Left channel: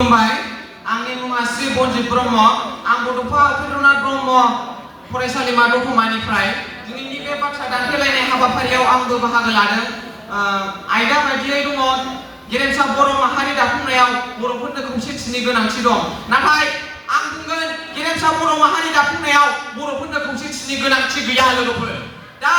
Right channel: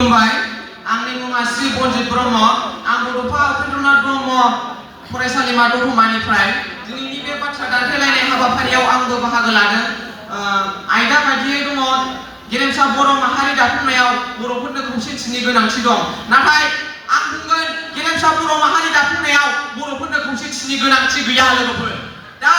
खुलुमबाय आंनि मुङा श्री बनजित ब्रह्म आं बड'फा उपेन्द्रनाथ ब्रह्म फरायसालिमा दतमानिफ्राय दिनैनि बे बाथ्रा दान्थेलायनाय हाबाफारियाव आंबो बाहागो लादों आयदा बायदियै दङ गेरेमसा बर' माहारि दाफुंनायाव बर'फोरनो खौसेथिनि गोनांथि दं नाथाय आं बुंगोन गेरेमसा बर' माहारि दाफुंनायाव बर'फोरनो खौसेथिनि गोनांथि गैया लोगोफोर दा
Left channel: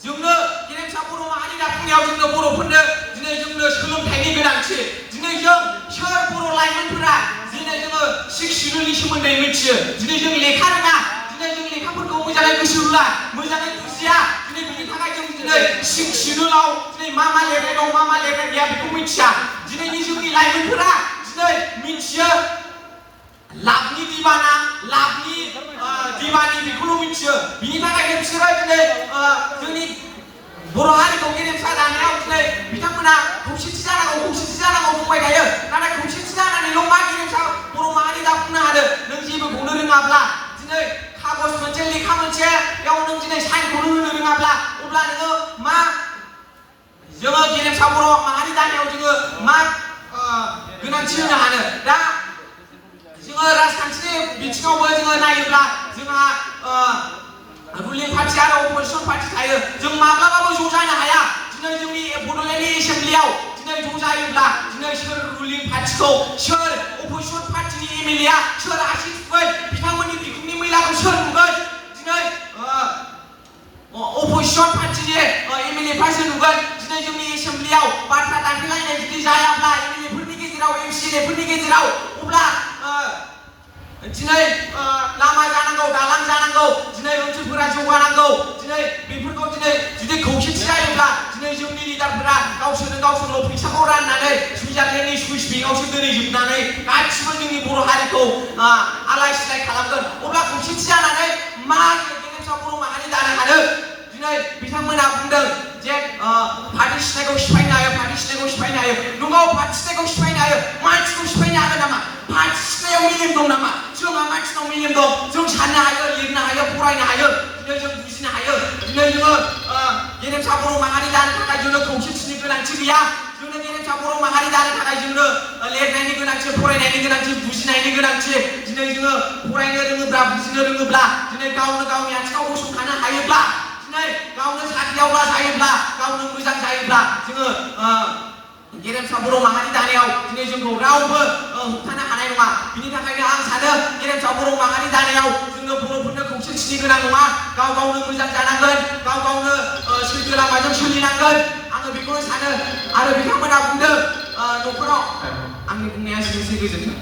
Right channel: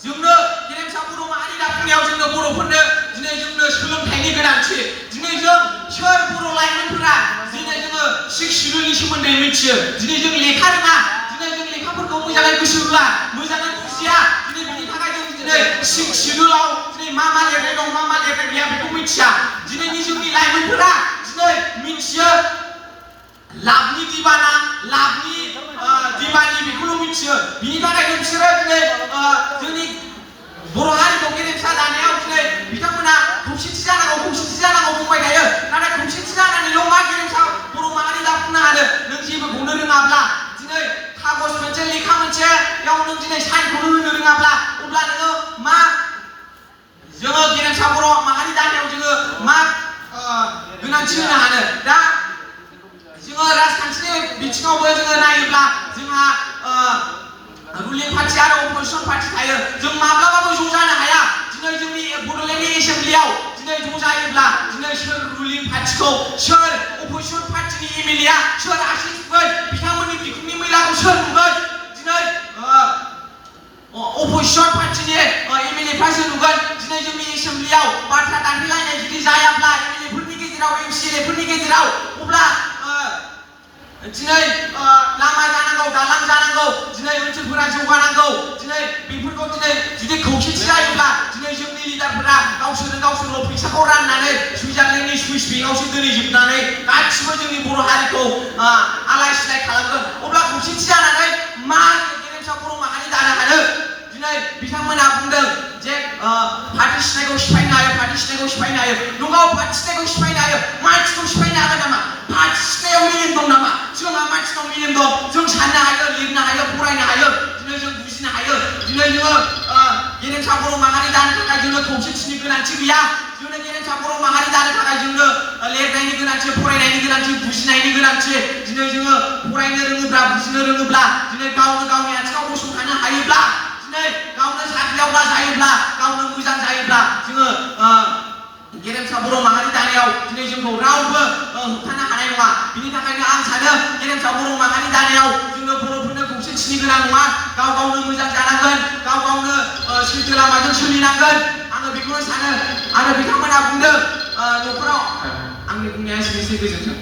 जोंनो गेरेमसा बर' माहारि दाफुंनायाव जोंनो बर'फोरनो दिनै जोंनो सोलोंथाइनि गोनांथि दिनै जों सोर बर' लाइमोनफोरा दिनै जोङो सिक्स शिड्युलनि सोमोन्दै मिथियो दिनै जों लेखा रोङा दिनै जों लेखाफोरखौ मोजाङै गोसो होला मोजाङै बुजिया दिनै बिनि थाखाय जों दिनै सिक्स शिड्युलाव दिनै मा लिरनाय दं मा लिरनाय गैया बेखौ मिथिया दिनैनि जोंनि लाइमोनफोरा दिनै मिथियो लाभनि दिबाना लाभनि दिबानि बेखौल' मिथियो बिनि थाखायनो बिसोरो दिनै जोंनि बर' हारिखौ गेरेमसा दानायाव दिनै बिथांमोना खौसेथि जानांगौ बुंबाय थायो नाथाय खौसेथि जानानैल' मा गेरेमसा बर' माहारि दाफुंनो हानो नों जेबोखौनो रोङाब्ला दिनै खागज मोनसे लेखा मोनसेयाव नों दिनै साइनखौनो होनो रोङाब्ला अब्ला नोङो मा जोङो गेरेमसा बर' माहारि दानायाव जोङो मा गोनांथि होनो हानो दा जोङो राजखान्थिनि बिथिङावबो जोङो नायोब्ला जोंहा रुलिं पार्टी आरो अपोजिशन पार्टी थायो जों माब्लाबाबो ज' जानो हाया दिनै जोंनि बड'लेण्डनि एसेम्ब्लियाव दिनै ज' जायोब्ला दिनै सोर रुलिं पार्टीखौ सोर अपोजिशन पार्टीनि एमएलएआ सोर आसिस होगोन बिथांमोननि बिखुंनि मैलाखौ सोर नुगोन दिनै अपोजिशन पार्टीनि एमएलएफ्रासो नुगोन दिनै जोंनि एसेम्ब्लियाव बाथ्रा दान्थेलायनाय जुदि जायाब्ला एमएलएफोरनि गेजेराव एमसिएलएफोरनि गेजेराव अब्ला दिनै लामा जानांगौ दालां जानांगौ दिनै ओनसोलफोरा जौगानांगौ दिनै बेफोरखौ दिनै जुदि खौसेथि जायोब्ला दिनै जोंनि लिडारफोरा गावसोरल' फैसाखौ राननानै सुइजारलेण्डनि सुइस बेंकआवसो दोनहैजोबनानै गासिबो जोंनि बर' हारिखौ आलाय सिलाय खालामगोन अब्ला खौसेथि जानानै मा गेरेमसा बर' माहारि दानो हानो दिनै बिथांमोना बुंदों जे पार्टी सिनायखौ सिफायनो हायो नंगौ पार्टी सिनायखौ सिफायनो हायो मानसिखौ सिफायनो हागोन नामा पार्टी सिनायाव मेलेम दं नामा जोंहा मानसिनाव मेलेम दं जों साननो हायो लिरनो हायो फरायनो हायो दिनै जों बुजिनो हायो दिनै जोङो गेरेमसा बर' माहारि दानो थाखाय जोंनो खौसेथिनि गोनांथि गैया जोंनो गेरेमसा बर' माहारि दानो थाखाय जोंनो लिरनायनि गोनांथि फरायनायनि गोनांथि बुजिनायनि गोनांथि दिनै जोङो फरायनो रोङोब्ला बुजिनो रोङोब्ला दिनै गावनो गावनि आथिङाव गसंथानो हायोब्ला दिनै गावनो साख्रियावला जायोब्ला गावनो मोजां जायोब्ला जोङो गेरेमसा बर' माहारि दानायाव दिनै जोंखौ रावबो होबथानो हानाय नङा बिनि थाखायनो आं सानो गेरेमसा बर' माहारि दानायाव जोङो बर'फोरनो खौसेथिनि गोनां नङा गावनो मोजां जानांगोन गावनो सैथो लामाजों सोलिनांगोन आङो बेखौनो सानो आरो बिथांमोना बुंदों न'खराव आंनि बुंनाया एसेनोसै गोजोन्थों